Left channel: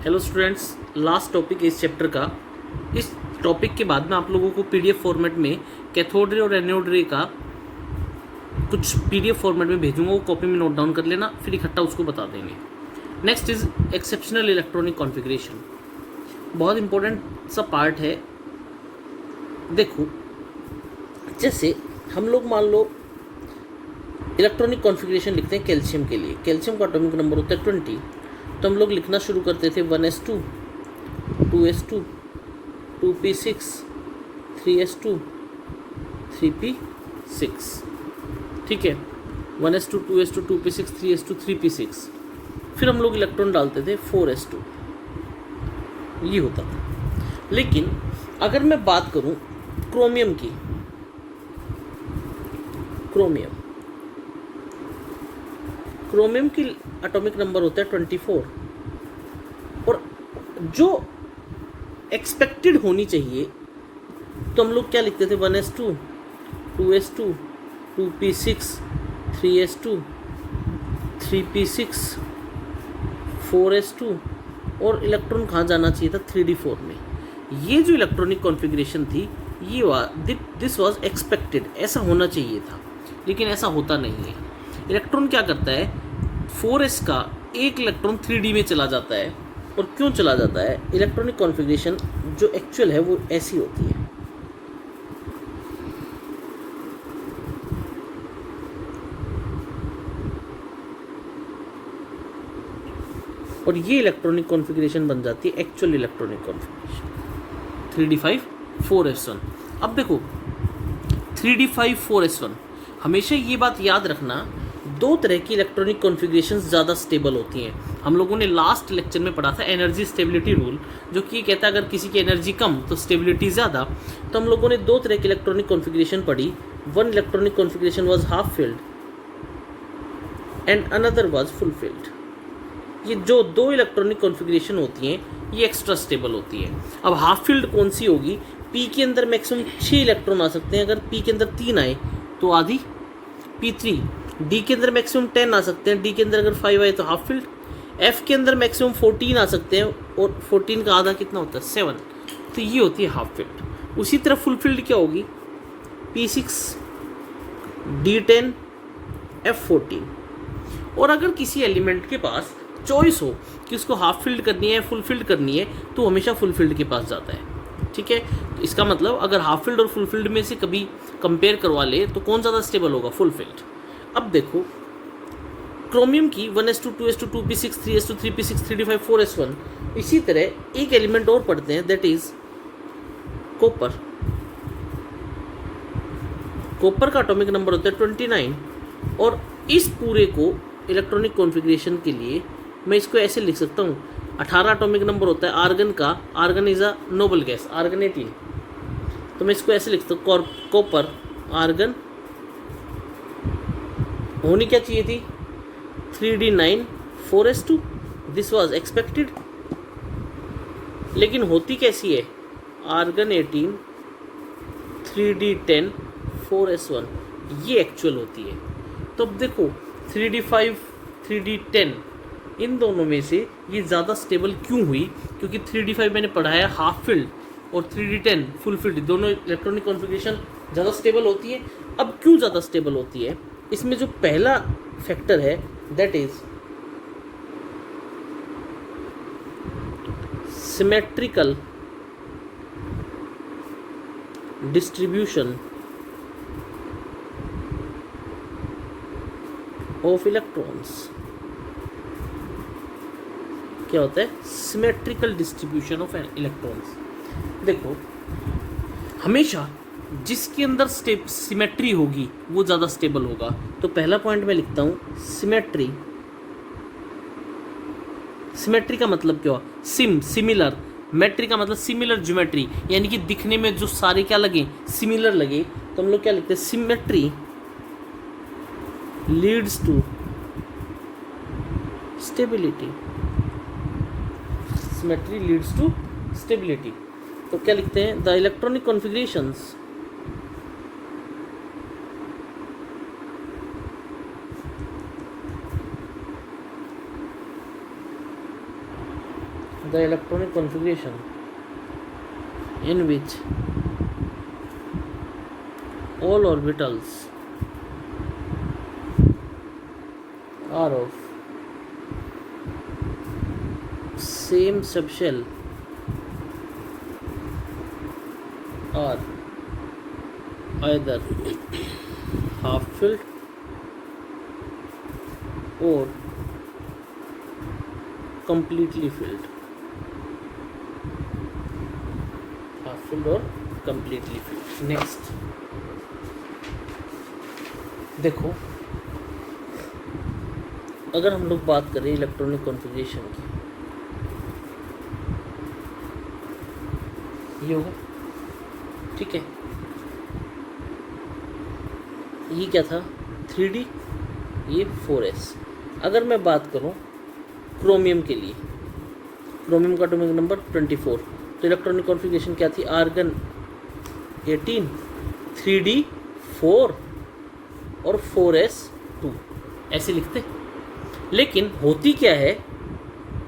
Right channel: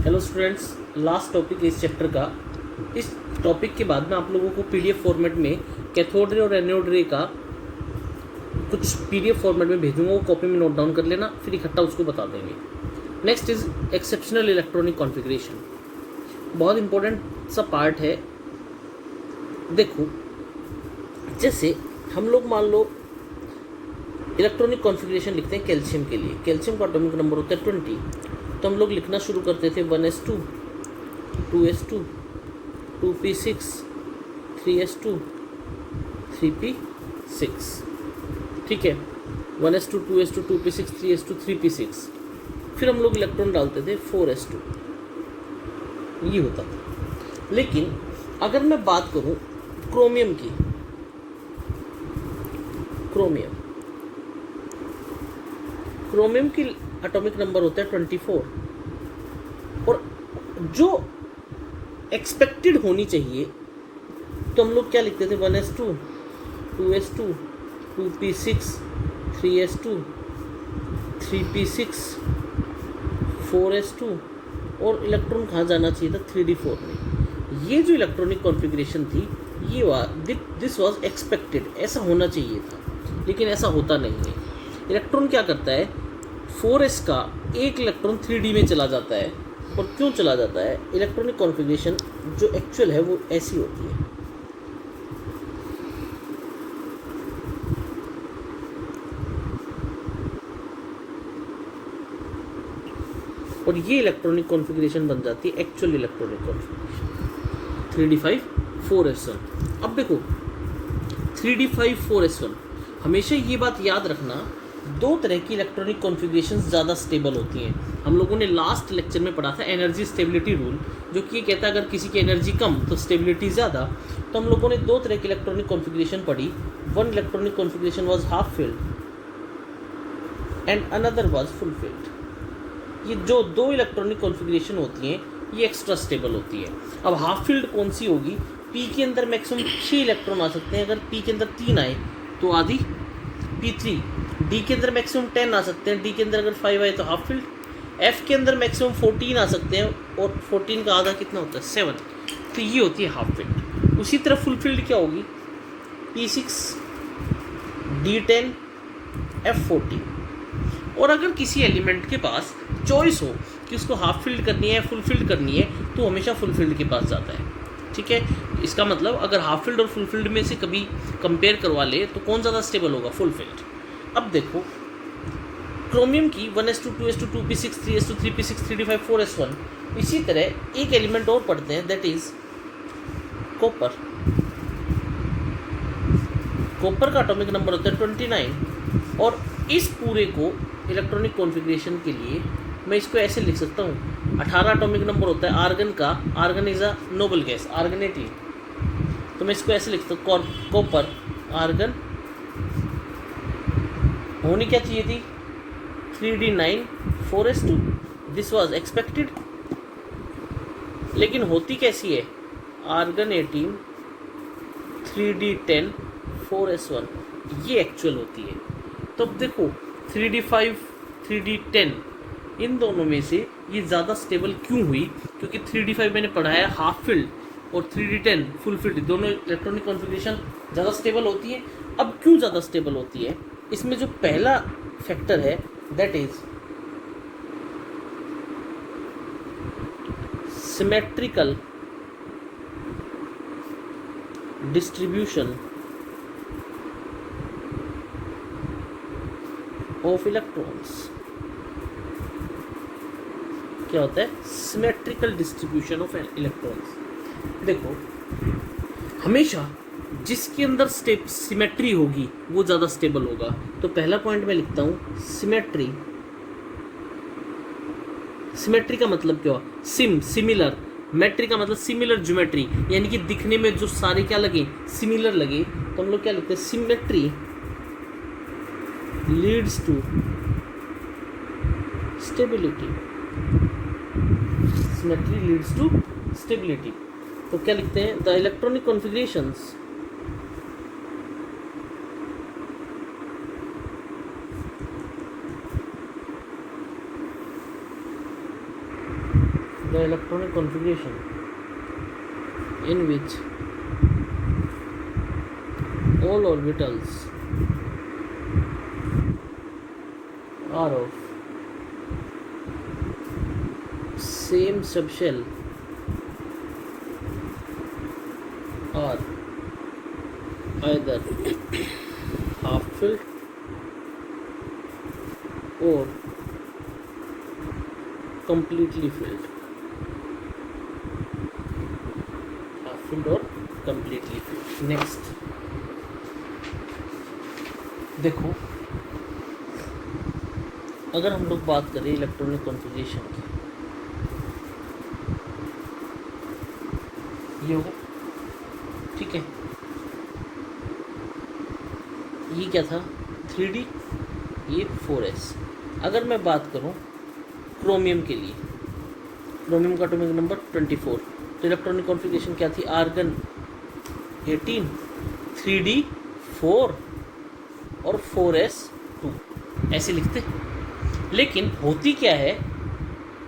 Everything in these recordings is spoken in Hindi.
हेलो स्टूडेंट्स, लास्ट टॉपिक इस चैप्टर का। इस टॉपिक के बाद मैं आप लोगों को पीडीएफ फॉर्मेट में कैथोड रे और एनोड रे का कुछ पीडीएफ फॉर्मेट में भेजूंगा, वो कॉपी में नोट डाउन कर लेना, फिर इकट्ठा उसको बता देंगे। Next is exceptional electronic configuration. बहुत इंपॉर्टेंट सा पार्ट है। देखो, जैसे हम लोग मान लो इलेक्ट्रॉनिक कॉन्फ़िगरेशन लिखते हैं कैल्शियम के लिए। कैल्शियम का एटॉमिक नंबर होता है 20, तो हम लोग लिखना शुरू करते थे 1s2, 2s2, 2p6, 3s2, 3p6। ठीक है, 1s2, 2s2, 2p6, 3s2, 3p6। फिर हम लोग इलेक्ट्रॉन डालते थे 4s2, ये होता था। लेकिन अगर मैं बात करूं क्रोमियम की, क्रोमियम की एटॉमिक नंबर होता है 24, और जो एक्सपेक्टेड होनी चाहिए तो हम लोग क्या लिखते थे 1s2, 2s2, 2p6, 3s2, 3p6, 4s2, और इलेक्ट्रॉन कहाँ जाना चाहिए था 3d4 में। ये जो इलेक्ट्रॉनिक कॉन्फ़िगरेशन थी ये दिस वाज एक्सपेक्टेड, ऐसा होना चाहिए था, लेकिन ऐसा होता नहीं है। इलेक्ट्रॉन क्या करता है, 4s का एक इलेक्ट्रॉन 3d में चला जाता है। और क्यों चला जाता है? इलेक्ट्रॉनिक कॉन्फ़िगरेशन जो एक्चुअल है वो ऐसी होती है। और ये इलेक्ट्रॉनिक कॉन्फ़िगरेशन बन जाती है actual electronic configuration 3d5 4s1। अब देखो 3d5 4s1, हमेशा ये बात याद रखना, दो तरह की इलेक्ट्रॉनिक कॉन्फ़िगरेशंस ज़्यादा स्टेबल होती हैं। हम लोगों ने लास्ट लेक्चर में पढ़ा था एनर्जी स्टेबिलिटी रूल, जो कि ये कहता है अगर किसी की एनर्जी कम तो स्टेबिलिटी ज़्यादा। तो हम लोगों ने दो तरह की इलेक्ट्रॉनिक कॉन्फ़िगरेशन पढ़ी। One electronic configuration was half filled and another was full field. ये जो दो इलेक्ट्रॉनिक कॉन्फ़िगरेशन होती हैं ये एक्स्ट्रा स्टेबल होती है। अब हाफ फील्ड कौन सी होगी? पी के अंदर मैक्सिमम 6 इलेक्ट्रॉन आ सकते हैं, अगर पी के अंदर 3 आए तो आधी p3। डी के अंदर मैक्सिमम 10 आ सकते हैं, डी के अंदर अगर 5 आए तो हाफ फील्ड। एफ के अंदर मैक्सिमम 14 आ सकते हैं, और 14 का आधा कितना होता है 7, तो ये होती है हाफ फील्ड। उसी तरह फुल फील्ड क्या होगी? p6, d10, f14। और अगर किसी एलिमेंट के पास चॉइस हो कि उसको हाफ फील्ड करनी है फुल फील्ड करनी है, तो हमेशा फुल फील्ड के पास जाता है। ठीक है, इसका मतलब अगर हाफ फील्ड और फुल फील्ड में से कभी कंपेयर करवा ले तो कौन ज़्यादा स्टेबल होगा? Full field. अब देखो क्रोमियम की 1s2, 2s2, 2p6, 3s2, 3p6, 3d5, 4s1। इसी तरह एक एलिमेंट और पढ़ते हैं, दैट इज कॉपर। कॉपर का एटॉमिक नंबर होता है 29, और इस पूरे को इलेक्ट्रॉनिक कॉन्फ़िगरेशन के लिए मैं इसको ऐसे लिख सकता हूँ। 18 एटॉमिक नंबर होता है आर्गन का। Argon is a noble gas, argon 18, तो मैं इसको ऐसे लिख सकता हूँ कॉपर आर्गन। होनी क्या चाहिए थी? 3d9 4s2, this was expected. लेकिन होती कैसी है? आर्गन 18 3d10 4s1, ये एक्चुअल होती है। तो अब देखो 3d5 3d10 इन दोनों में से ये ज़्यादा स्टेबल क्यों हुई? क्योंकि 3d5 मैंने पढ़ाया हाफ फील्ड और 3d10 फुल फील्ड, दोनों इलेक्ट्रॉनिक कॉन्फ़िगरेशन ज़्यादा स्टेबल होती है। अब क्यों ज़्यादा स्टेबल होती है? इसमें जो पहला फैक्टर है that is symmetrical distribution of electrons. क्या होता है? Symmetrical distribution of electrons. देखो, हमेशा जिसके अंदर सिमेट्री होगी वो ज़्यादा स्टेबल होगा। तो पहला पॉइंट मैं लिखता हूँ सिमेट्री। सिमेट्री का मतलब क्या हुआ? सिमिलर। मेट्री का मतलब सिमिलर ज्योमेट्री, यानी कि दिखने में जो सारे क्या लगे, सिमिलर लगे। तो हम लोग क्या लिखते हैं? Symmetry leads to stability. Symmetry leads to stability. तो क्या लिखते हैं? The electronic configurations the electronic configuration in which all orbitals are of same subshell are either half filled or completely filled. Half filled or completely filled. Next, देखो, अगर हम लोग बात करें इलेक्ट्रॉनिक कॉन्फ़िगरेशन की, ये होगा, ठीक है। ये क्या था 3D, ये 4s। अगर मैं बात करूं क्रोमियम के लिए, क्रोमियम का एटॉमिक नंबर 24, तो इलेक्ट्रॉनिक कॉन्फ़िगरेशन क्या थी, आर्गन 18, 3D 4 और 4s 2, ऐसे लिखते। लेकिन होती क्या है,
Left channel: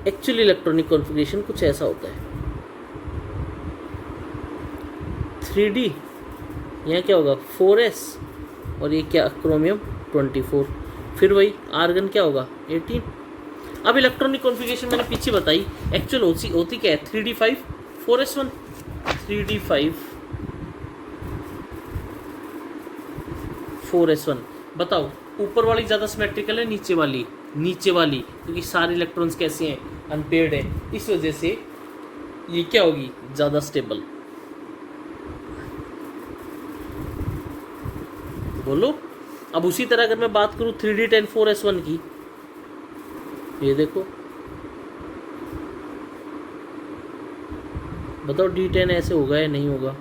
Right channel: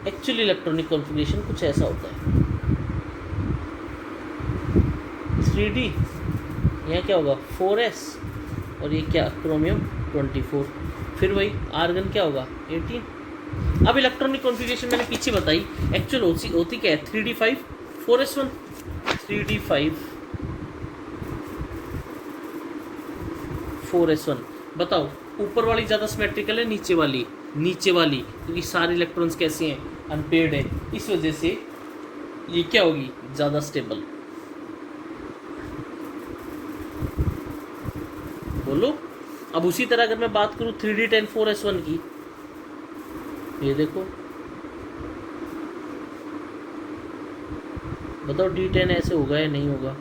एक्चुअली इलेक्ट्रॉनिक कॉन्फ़िगरेशन कुछ ऐसा होता है, 3D, यहाँ क्या होगा 4s, और ये क्या क्रोमियम 24, फिर वही आर्गन क्या होगा 18। अब इलेक्ट्रॉनिक कॉन्फ़िगरेशन मैंने पीछे बताई, एक्चुअल होती क्या है 3D5 4s1, 3D5 4s1। बताओ ऊपर वाली ज़्यादा सिमेट्रिकल है, नीचे वाली? नीचे वाली, क्योंकि सारे इलेक्ट्रॉन्स कैसे हैं, अनपेयर्ड है, इस वजह से ये क्या होगी ज़्यादा स्टेबल। बोलो। अब उसी तरह अगर मैं बात करूं 3D10 4s1 की, ये देखो, बताओ D10 ऐसे होगा या नहीं होगा,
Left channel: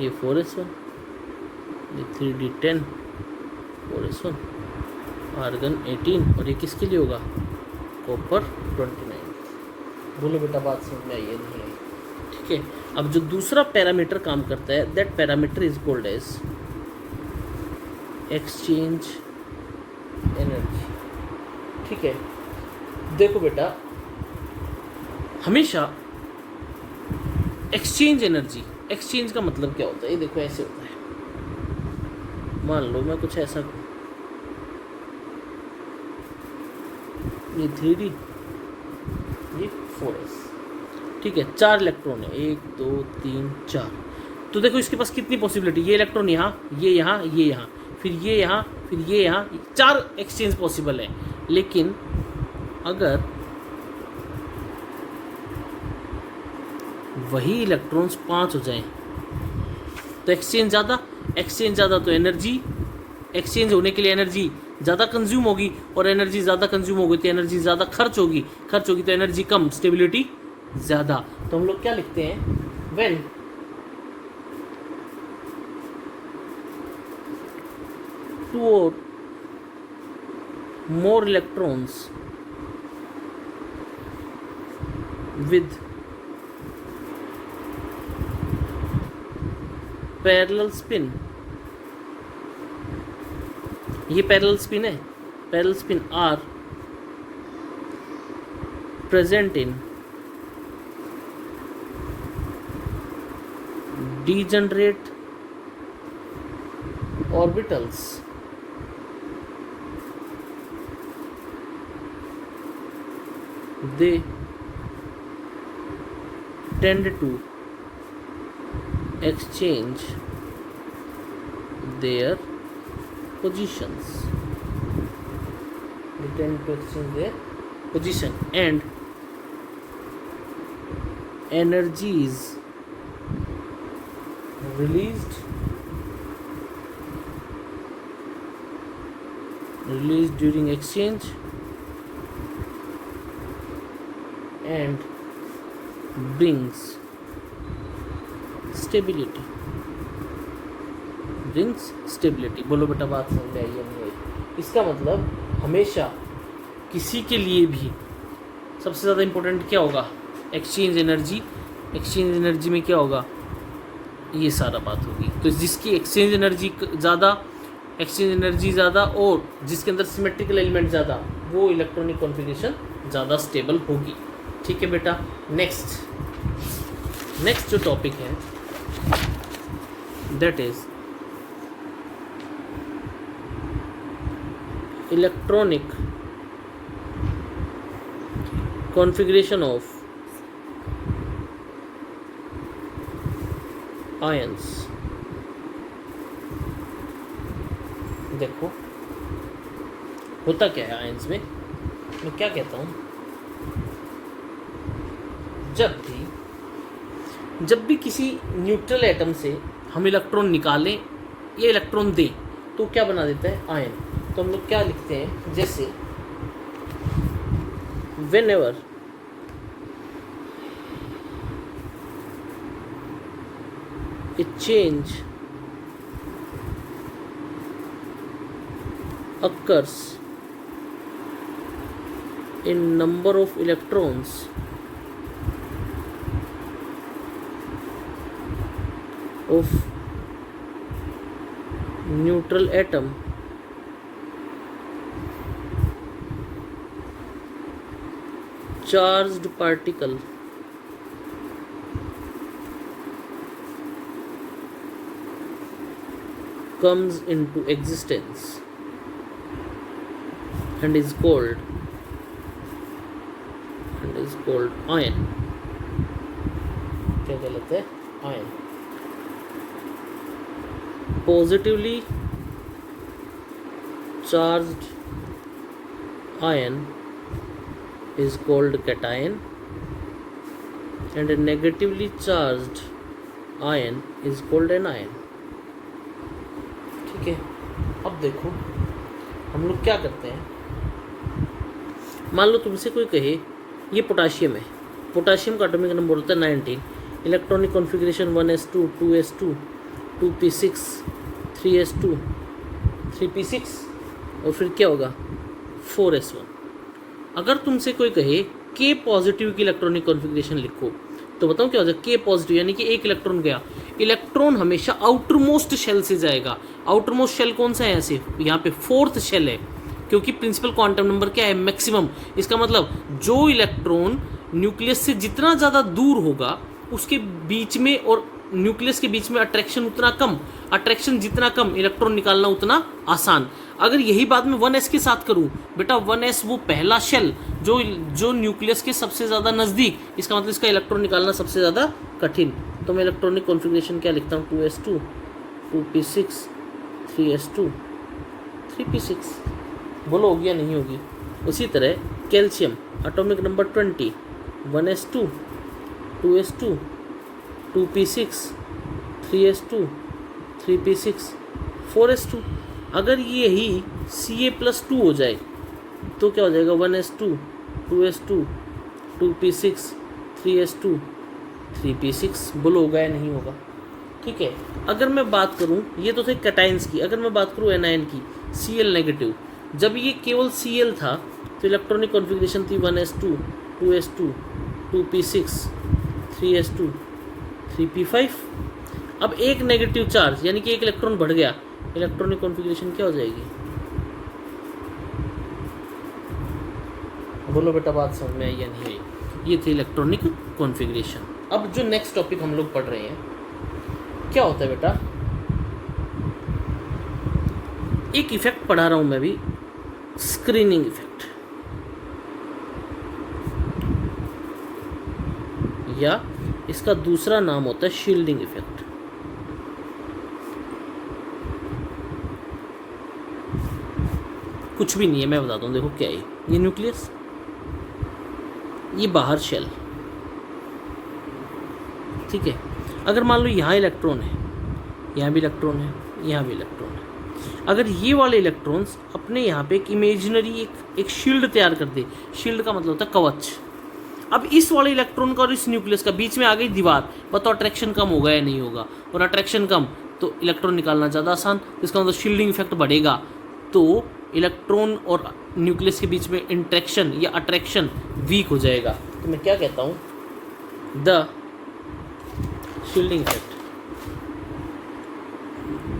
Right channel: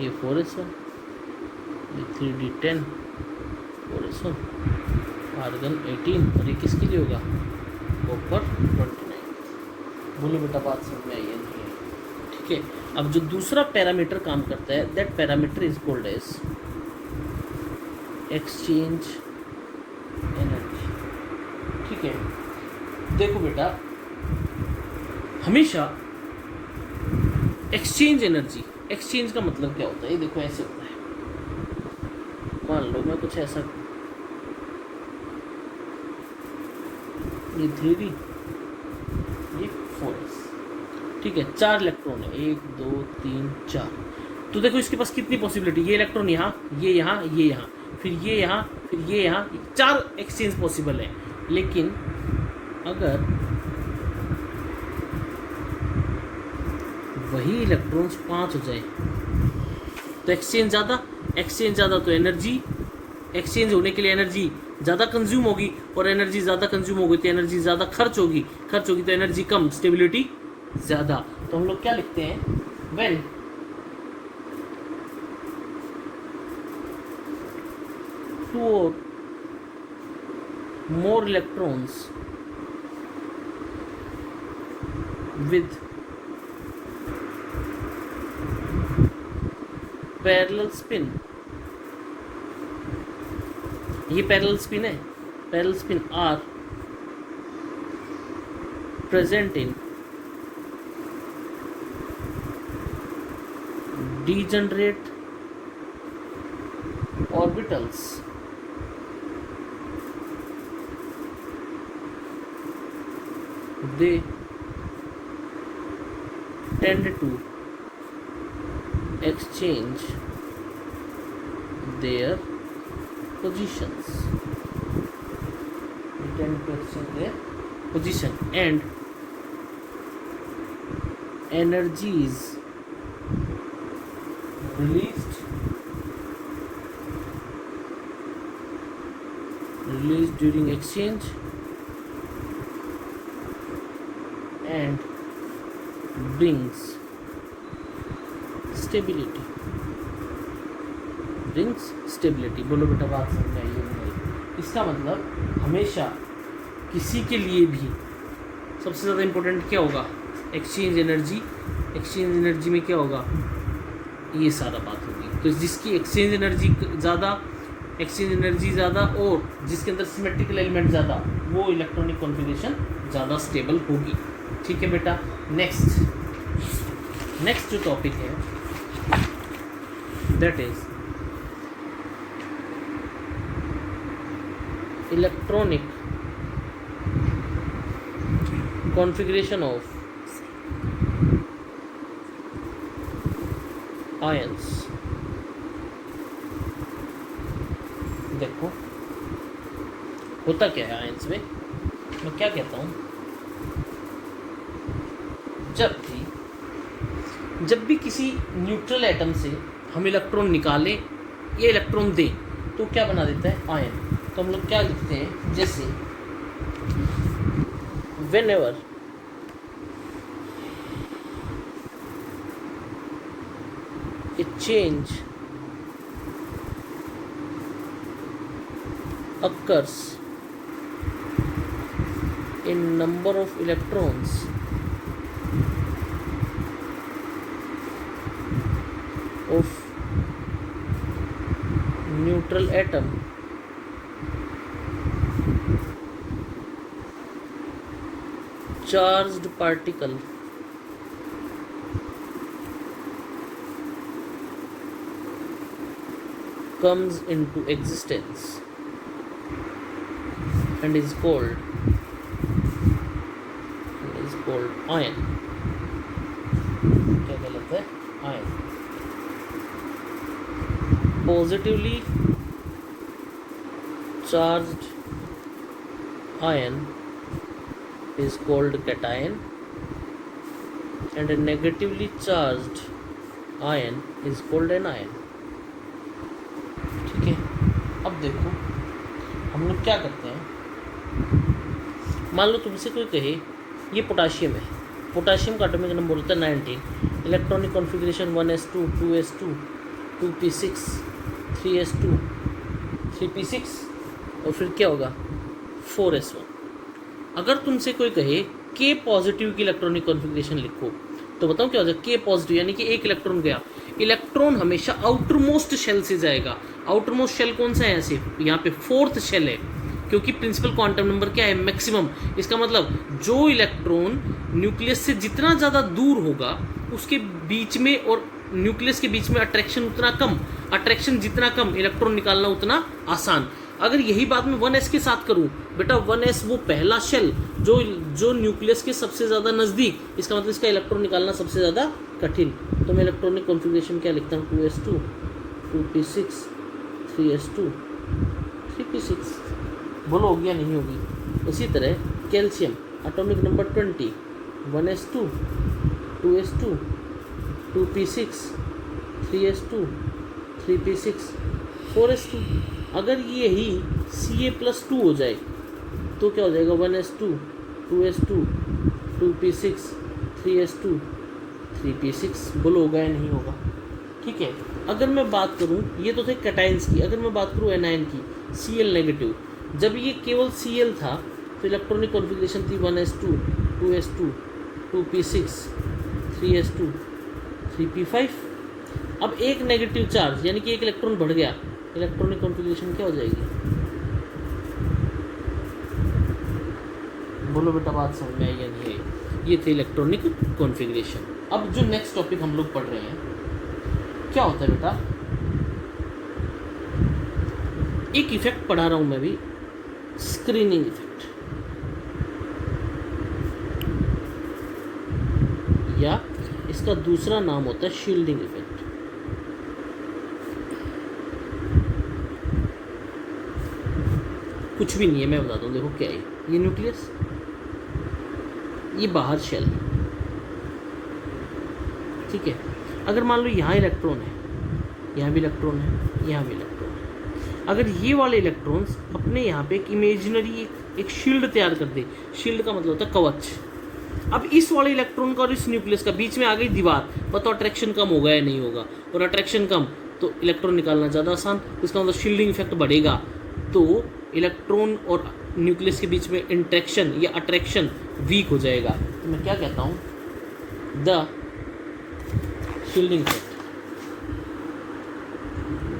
ये 4s1, ये 3D10 4s1, आर्गन 18, और ये किसके लिए होगा, कॉपर 29। बोलो बेटा बात समझ में आई है नहीं है, ठीक है। अब जो दूसरा पैरामीटर काम करता है, that parameter is called as exchange energy, ठीक है। देखो बेटा, हमेशा एक्सचेंज एनर्जी, एक्सचेंज का मतलब क्या होता है, ये देखो ऐसे होता है, मान लो मैं कुछ ऐसा, ये 3D, ये 4s, ठीक है, 4 इलेक्ट्रॉन है, 1 2 3 4। तो देखो इसके पास कितनी पॉसिबिलिटी, ये इलेक्ट्रॉन यहाँ, ये यहाँ, ये यहाँ, फिर ये यहाँ, फिर ये यहाँ, 4 एक्सचेंज पॉसिबल है। लेकिन अगर वही इलेक्ट्रॉन्स 5 हो जाए तो एक्सचेंज ज़्यादा, तो एनर्जी, एक्सचेंज होने के लिए एनर्जी ज़्यादा कंज्यूम होगी, और एनर्जी ज़्यादा कंज्यूम होगी तो एनर्जी ज़्यादा खर्च होगी तो एनर्जी कम, स्टेबिलिटी ज़्यादा। तो हम लोग क्या लिखते हैं, when two or more electrons with parallel spin, ये पैरेलल स्पिन है, parallel spin are present in degenerate orbitals, they tend to exchange their positions. They tend to exchange their position, and energy is released during exchange and brings stability. बोलो बेटा बात समझ में आई है नहीं आई? इसका मतलब हमेशा किसी के लिए भी सबसे ज़्यादा इम्पोर्टेंट क्या होगा, एक्सचेंज एनर्जी। एक्सचेंज एनर्जी में क्या होगा, ये सारा बात होगी। तो जिसकी एक्सचेंज एनर्जी ज़्यादा और जिसके अंदर सिमेट्रिकल एलिमेंट ज़्यादा, वो इलेक्ट्रॉनिक कॉन्फ़िगरेशन ज़्यादा स्टेबल होगी। ठीक है बेटा। नेक्स्ट जो टॉपिक है that is electronic configuration of ions. देखो होता क्या है आयंस में, मैं क्या कहता हूँ, जब भी किसी न्यूट्रल एटम से हम इलेक्ट्रॉन निकालें या इलेक्ट्रॉन दें तो क्या बना देता है, आयन। तो हम लोग क्या लिखते हैं, जैसे whenever a change occurs in number of electrons of neutral atom charged particle comes into existence and is called ion। क्या गलत है, ion। positively charged ion is called cation and a negatively charged ion is called anion। ठीक है। अब देखो हम लोग क्या करते हैं, मान लो तुमसे कोई कहे ये पोटाशियम है, पोटाशियम का एटॉमिक नंबर होता है 19, electronic configuration 1s2 2s2 2p6 3s2 3p6 और फिर क्या होगा 4s1। अगर तुमसे कोई कहे K पॉजिटिव की इलेक्ट्रॉनिक कॉन्फ़िगरेशन लिखो तो बताओ क्या हो जाएगा, K पॉजिटिव यानी कि एक इलेक्ट्रॉन गया। इलेक्ट्रॉन हमेशा आउटर मोस्ट शेल से जाएगा। आउटर मोस्ट शेल कौन सा है, ऐसे यहाँ पे 4th शेल है, क्योंकि प्रिंसिपल क्वांटम नंबर क्या है, मैक्सिमम। इसका मतलब जो इलेक्ट्रॉन न्यूक्लियस से जितना ज़्यादा दूर होगा उसके बीच में और न्यूक्लियस के बीच में अट्रैक्शन उतना कम, अट्रैक्शन जितना कम इलेक्ट्रॉन निकालना उतना आसान। अगर यही बात मैं 1s के साथ करूं, बेटा 1s वो पहला शेल जो न्यूक्लियस के सबसे ज़्यादा नज़दीक, इसका मतलब इसका इलेक्ट्रॉन निकालना सबसे ज़्यादा कठिन। तो मैं इलेक्ट्रॉनिक कॉन्फ़िगरेशन क्या लिखता हूँ, 2s2 2p6 3s2 3p6। बोलो होगी या नहीं होगी। उसी तरह calcium atomic number 20 1s2 2s2 2p6 3s2 3p6 4s2। अगर यही Ca+2 हो जाए तो क्या हो जाएगा, 1s2 2s2 2p6 3s2 3p6। बोलो होगा या नहीं होगा। ठीक है। अगर मैं बात करूं, ये तो थे कैटायंस की, अगर मैं बात करूं एनायन की, Cl नेगेटिव, जब ये केवल Cl था तो इलेक्ट्रॉनिक कॉन्फ़िगरेशन थी 1s2 2s2 2p6 3s2 3p5। अब एक नेगेटिव चार्ज यानी कि एक इलेक्ट्रॉन बढ़ गया, इलेक्ट्रॉनिक कॉन्फ़िगरेशन क्या हो जाएगी। बोलो बेटा बात समझ में आई या नहीं आई। ये थी इलेक्ट्रॉनिक कॉन्फ़िगरेशन। अब जो नेक्स्ट टॉपिक हम लोग पढ़ रहे हैं क्या होता है बेटा, एक इफेक्ट पढ़ा रहा हूं मैं भी, स्क्रीनिंग इफेक्ट, या इसका दूसरा नाम होता है शील्डिंग इफेक्ट। कुछ भी नहीं है, मैं बताता हूँ। देखो क्या है, ये न्यूक्लियस, ये बाहर शेल है, ठीक है। अगर मान लो यहाँ इलेक्ट्रॉन है, यहाँ भी इलेक्ट्रॉन है, यहाँ भी इलेक्ट्रॉन है। अगर ये वाले इलेक्ट्रॉन्स अपने यहाँ पे एक इमेजिनरी एक शील्ड तैयार कर दे, शील्ड का मतलब होता है कवच। अब इस वाले इलेक्ट्रॉन का और इस न्यूक्लियस का बीच में आ गई दीवार, बताओ अट्रैक्शन कम होगा या नहीं होगा। और अट्रैक्शन कम तो इलेक्ट्रॉन निकालना ज़्यादा आसान, इसका मतलब शील्डिंग इफेक्ट बढ़ेगा, तो इलेक्ट्रॉन और न्यूक्लियस के बीच में इंट्रैक्शन या अट्रैक्शन वीक हो जाएगा। तो मैं क्या कहता हूँ, the shielding effect,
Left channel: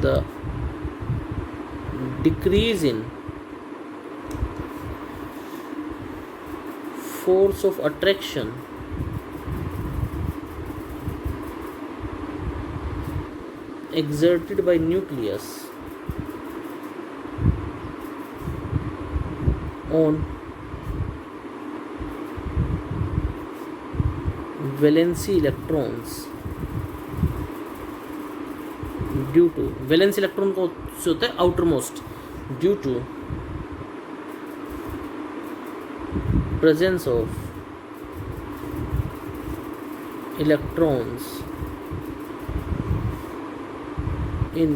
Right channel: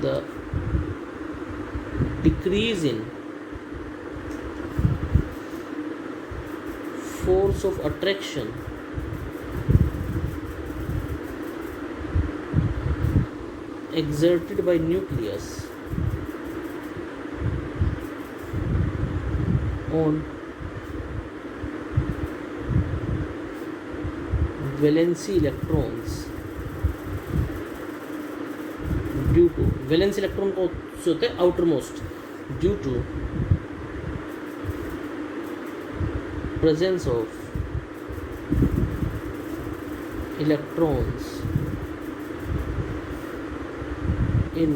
the decrease in force of attraction exerted by nucleus on valency electrons due to valence electron को से होता है outermost due to presence of electrons in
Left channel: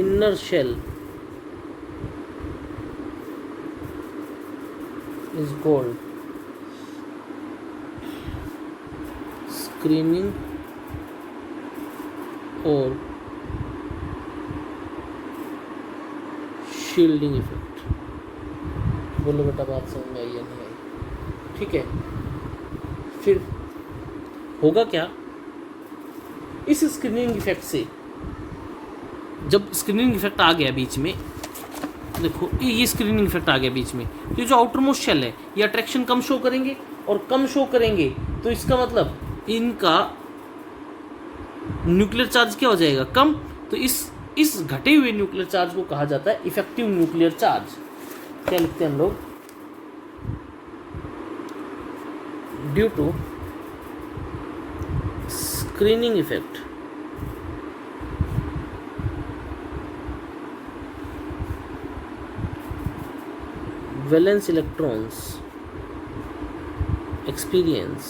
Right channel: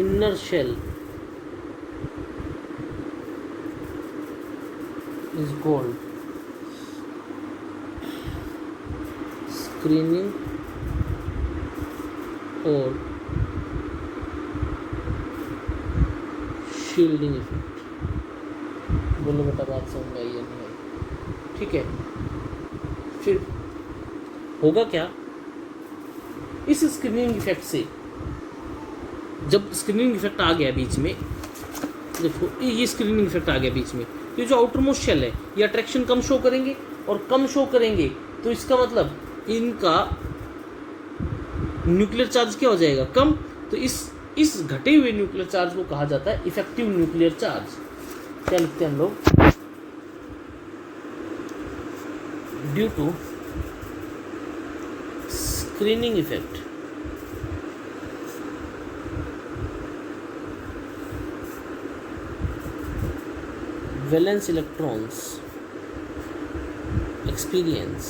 inner shell is called screening or shielding effect। बोलो बेटा बात समझ में आई है नहीं? ठीक है, फिर होगा क्या इस स्क्रीनिंग इफेक्ट से? जब स्क्रीनिंग इफेक्ट आ गया बीच में, देखो ये स्क्रीनिंग इफेक्ट आ गया बीच में, ये जो आउटर मोस्ट शेल है ये अट्रैक्शन कम शो करेंगे, और कम शो करेंगे तो इसका मतलब इनका न्यूक्लियर चार्ज क्या हो जाएगा? कम। तो इस घटे हुए न्यूक्लियर चार्ज को कहा जाता है इफेक्टिव न्यूक्लियर चार्ज। क्या लिखते हैं हम लोग? Due to screening effect valence electrons experience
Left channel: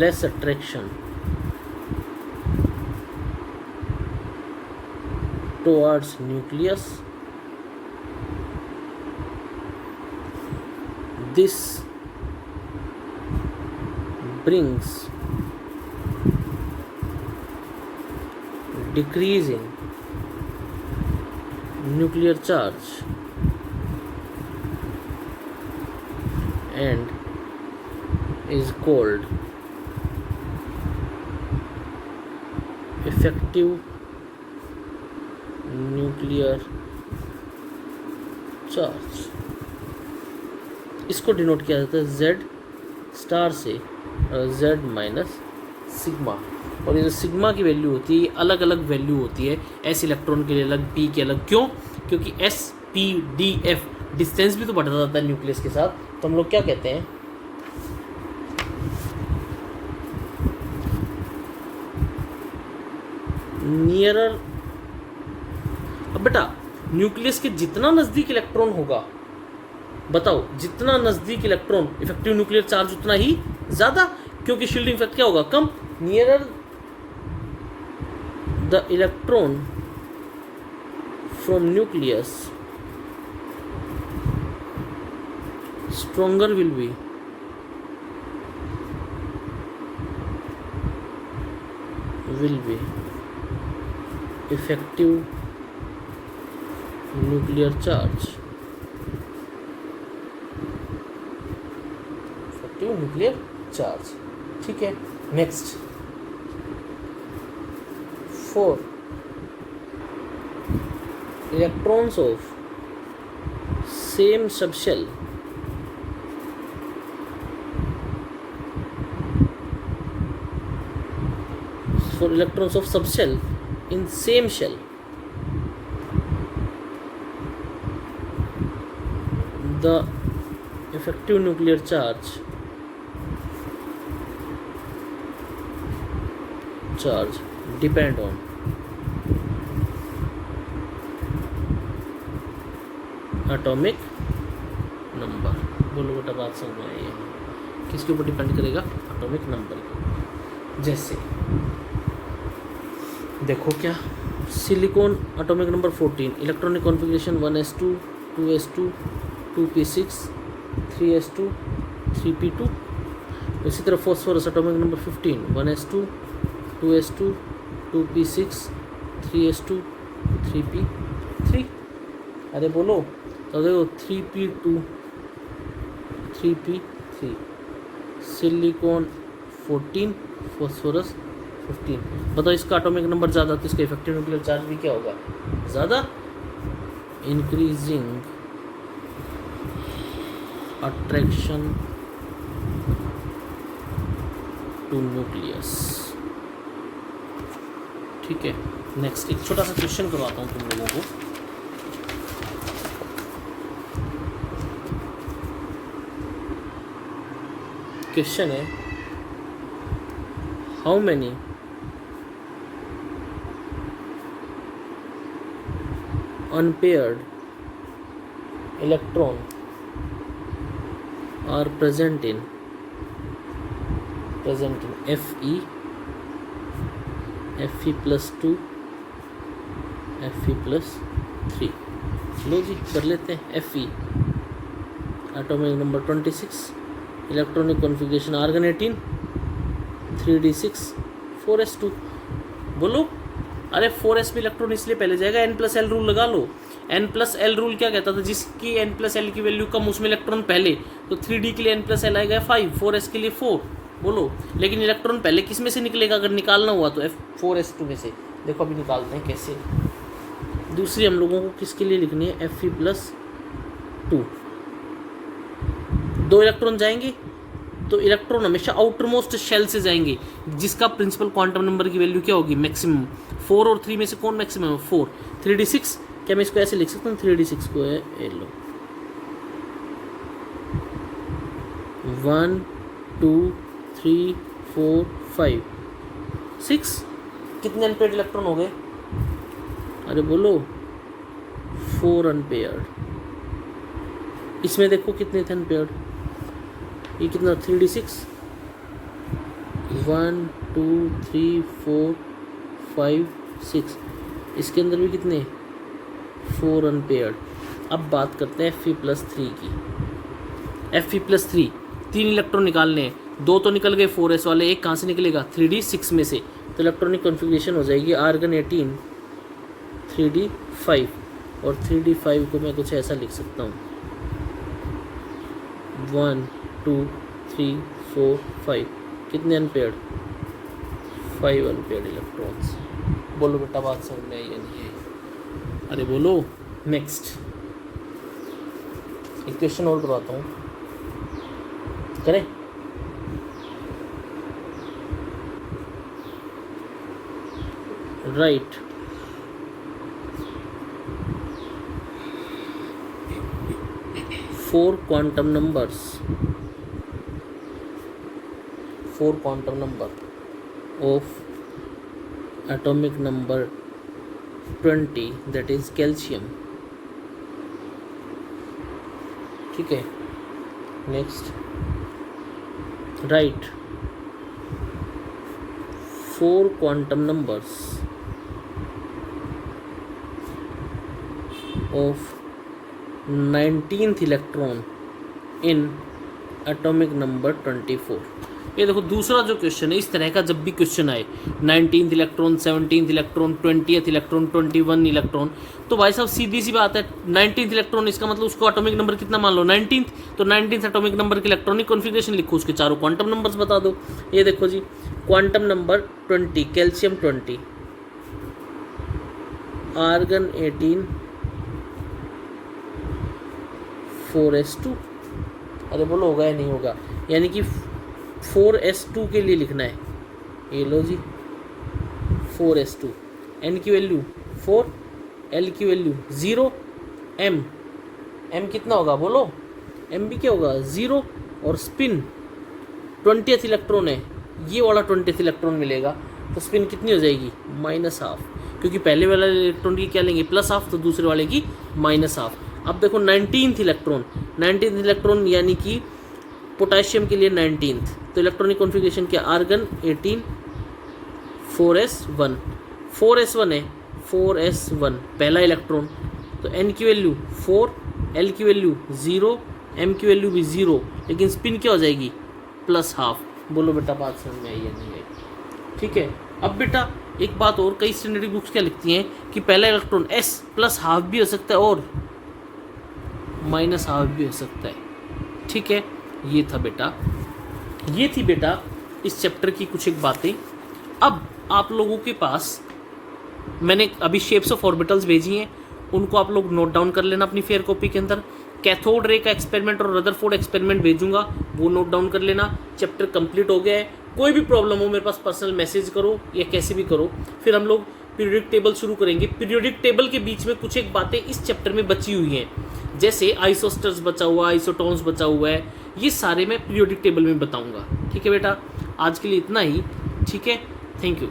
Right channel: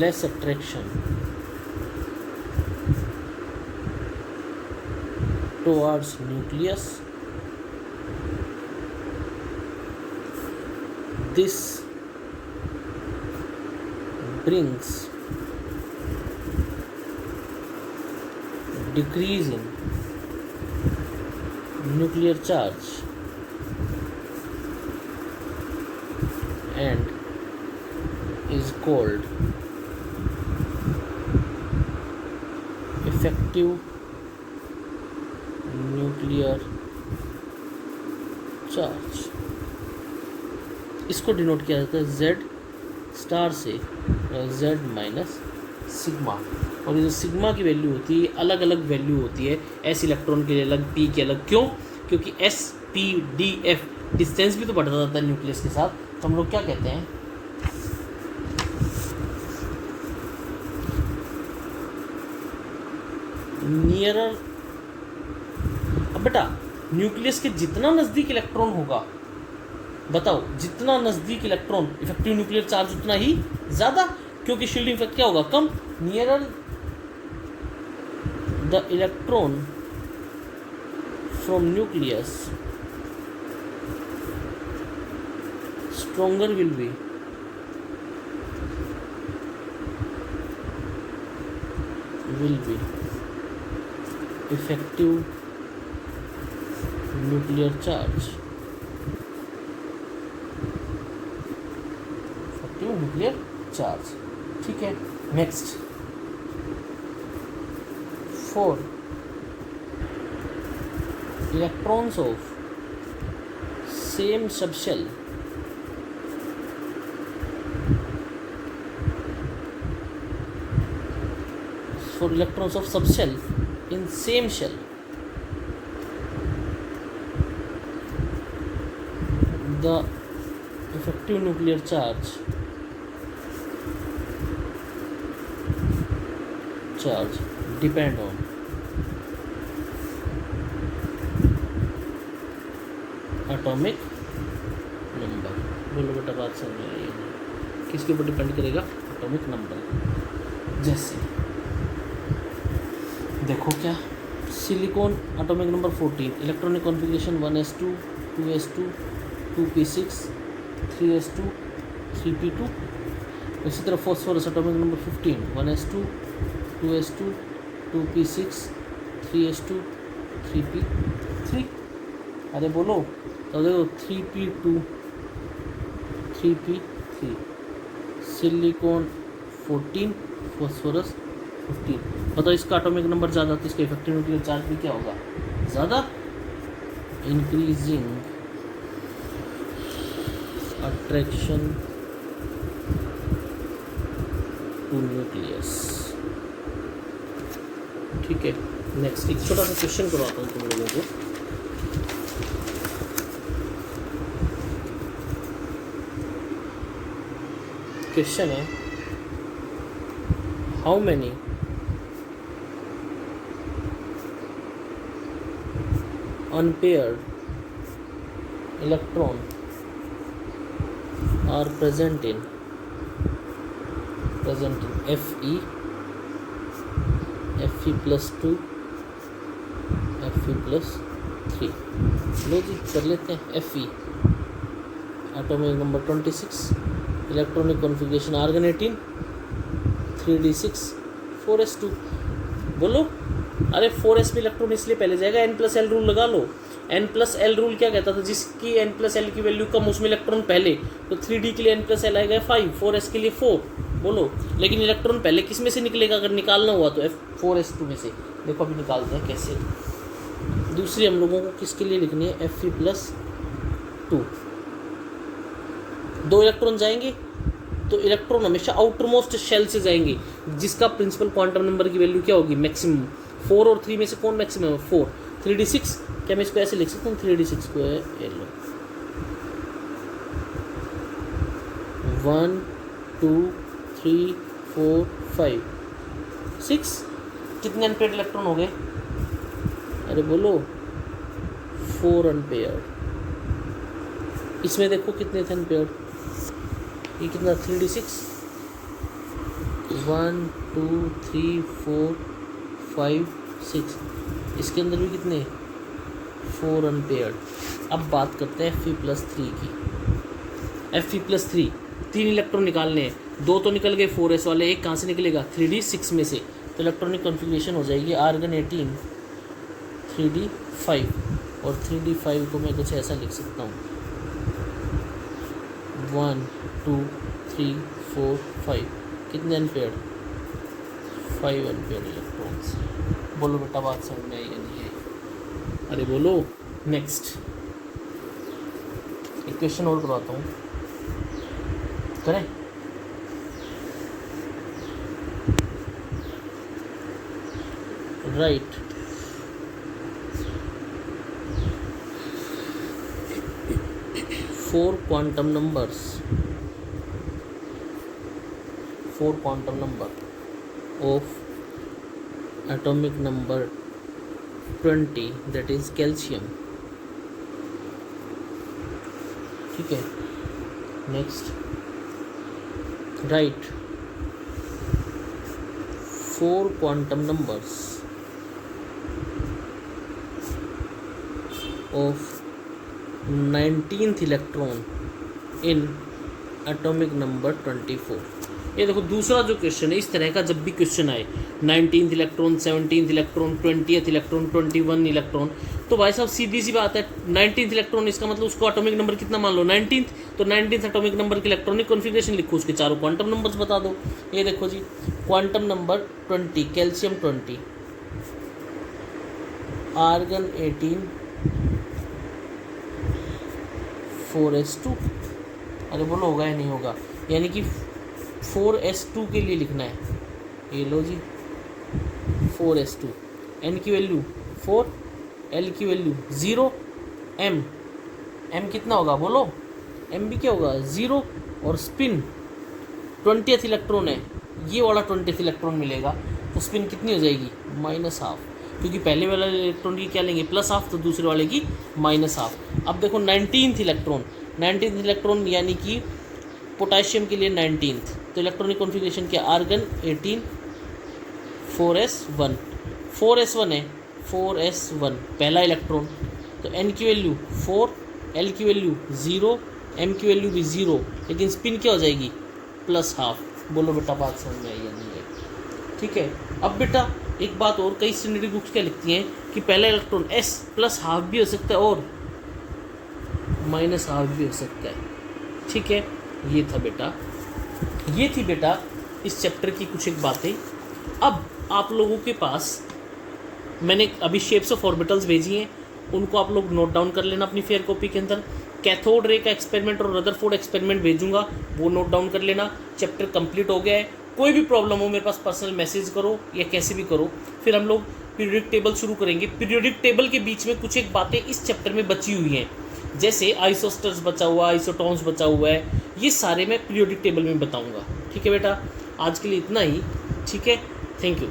less attraction towards nucleus. This brings decrease in nuclear charge and is called effective nuclear charge। इसको डिनोट किया जाता है Z स्टार से Z माइनस सिग्मा, और ये जो सिग्मा की वैल्यू होती है अलग अलग वैल्यू होती है, S इलेक्ट्रॉन के लिए अलग, P के अलग। क्यों? क्योंकि S P D F distance भी तो बढ़ता जाता है न्यूक्लियस के साथ। तो हम लोग क्या कहते हैं? नियरर। अब बेटा न्यूक्लियस के जितना नजदीक इलेक्ट्रॉन होगा, बताओ जितना नजदीक इलेक्ट्रॉन इफेक्टिव न्यूक्लियर चार्ज उतना ही ज्यादा, क्योंकि शील्डिंग इफेक्ट क्या होगा? कम। Nearer the electron from nucleus stronger will be effective nuclear charge। effective nuclear charge, ठीक है। Next 4 electrons of same subshell for electrons of subshell in same shell, the effective nuclear charge depend on atomic number। बोलो बेटा बात समझ में आई है? किसके ऊपर डिपेंड करेगा? Atomic number. जैसे देखो क्या, silicon atomic number 14, electronic configuration 1s2 2s2 2p6 3s2 3p2। उसी तरह phosphorus atomic number 15 1s2 2s2 2p6 3s2 3p3। अरे बोलो तो देखो 3p2 3p3, सिलिकॉन 14 फॉस्फोरस 15। बताओ इसका एटॉमिक नंबर ज़्यादा तो इसका इफेक्टिव न्यूक्लियर चार्ज भी क्या होगा? ज़्यादा। Increasing attraction to nucleus. ठीक है, नेक्स्ट एक छोटा सा क्वेश्चन करवाता हूँ तुम लोगों को। क्वेश्चन है, how many unpaired electron are present in Fe plus 2 Fe plus 3। लो जी कर लेते हैं। Fe atomic number 26, electronic configuration argon 18, 3d6 4s2। बोलो, अरे 4s पे इलेक्ट्रॉन इसलिए पहले जाएगा, n+l रूल लगा लो। n+l रूल क्या कहता था, जिसकी n+l की वैल्यू कम उसमें इलेक्ट्रॉन पहले, तो 3d के लिए n+l आएगा 5, 4s के लिए 4। बोलो, लेकिन इलेक्ट्रॉन पहले किस में से निकलेगा, अगर निकालना हुआ तो 4s2 में से। देखो अभी निकालते हैं कैसे। दूसरी हम लोगों को किसके लिए लिखनी है, Fe+2। 2 इलेक्ट्रॉन जाएंगे तो इलेक्ट्रॉन हमेशा आउटर मोस्ट शेल से जाएंगे, जिसका प्रिंसिपल क्वांटम नंबर की वैल्यू क्या होगी, मैक्सिमम। 4 और 3 में से कौन मैक्सिमम है, 4। 3d6, क्या मैं इसको ऐसे लिख सकता हूँ, 3d6 को है 1 2 3 4 5 6। कितने अनपेयर्ड इलेक्ट्रॉन हो गए, अरे बोलो 4 अनपेयर्ड। इसमें देखो कितने थे अनपेयर्ड, ये कितना 3d6, 1 2 3 4 5 6। इसके अंदर भी कितने, 4 अनपेयर्ड। अब बात करते हैं Fe+3 की। Fe+3 3 इलेक्ट्रॉन निकालने हैं, 2 तो निकल गए 4s वाले, एक कहाँ से निकलेगा, 3d6 में से। तो इलेक्ट्रॉनिक कॉन्फ़िगरेशन हो जाएगी आर्गन 18 3d5, और 3d5 को मैं कुछ ऐसा लिख सकता हूँ 1 2 3 4 5। कितने अनपेयर्ड, 5 अनपेयर्ड इलेक्ट्रॉन्स। बोलो बेटा बात समझ में आई या नहीं आई, अरे बोलो। नेक्स्ट एक क्वेश्चन और करवाता हूँ, करें। Right, four quantum number of atomic number 20, that is calcium। ठीक है, next right 4 quantum numbers of 19th electron in atomic number 24। ये देखो दूसरा जो क्वेश्चन है, इस तरह का जब भी क्वेश्चन आए 19th electron, 17th electron, 20th electron, 21 electron, तो भाई साहब सीधी सी बात है 19th इलेक्ट्रॉन, इसका मतलब उसको एटॉमिक नंबर कितना मान लो 19th, तो 19th एटॉमिक नंबर की इलेक्ट्रॉनिक कॉन्फ़िगरेशन लिखो, उसके चारों क्वांटम नंबर्स बता दो। ये देखो जी, quantum number 20 calcium 20, argon 18 4s2। अरे बोलो होगा या नहीं होगा, यानी कि 4s2 के लिए लिखना है। ये लो जी 4s2, n की वैल्यू 4, l की वैल्यू 0, m कितना होगा बोलो, m भी क्या होगा 0, और स्पिन 20th इलेक्ट्रॉन है, ये वाला 20th इलेक्ट्रॉन मिलेगा, तो स्पिन कितनी हो जाएगी -12, क्योंकि पहले वाले इलेक्ट्रॉन की क्या लेंगे +12, तो दूसरे वाले की -12। अब देखो 19th इलेक्ट्रॉन यानी कि पोटेशियम के लिए 19th, तो इलेक्ट्रॉनिक कॉन्फ़िगरेशन क्या, आर्गन 18 4s1, 4s1 है, 4s1 पहला इलेक्ट्रॉन, तो n की वैल्यू 4, l की वैल्यू 0, m की वैल्यू भी 0, लेकिन स्पिन क्या हो जाएगी +12। बोलो बेटा बात समझ में आई या नहीं आई, ठीक है। अब बेटा एक बात और, कई स्टैंडर्ड बुक्स क्या लिखती हैं कि पहला इलेक्ट्रॉन s +12 भी हो सकता है और -12 भी हो सकता है, ठीक है। ये थी बेटा इस चैप्टर की कुछ एक बातें। अब आप लोगों के पास मैंने अभी शेप्स ऑफ ऑर्बिटल्स भेजी हैं, उनको आप लोग नोट डाउन कर लेना अपनी फेयर कॉपी के अंदर। कैथोड रे का एक्सपेरिमेंट और रदरफोर्ड एक्सपेरिमेंट भेजूंगा, वो नोट डाउन कर लेना। चैप्टर कंप्लीट हो गया है। कोई भी प्रॉब्लम हो मेरे पास पर्सनल मैसेज करो या कैसे भी करो। फिर हम लोग पीरियोडिक टेबल शुरू करेंगे। पीरियोडिक टेबल के बीच में कुछ एक बातें इस चैप्टर में बची हुई हैं, जैसे आइसोस्टर्स बचा हुआ, आइसोटोन्स बचा हुआ है, ये सारे मैं पीरियोडिक टेबल में बताऊंगा। ठीक है बेटा, आज के लिए इतना ही। ठीक है, थैंक यू।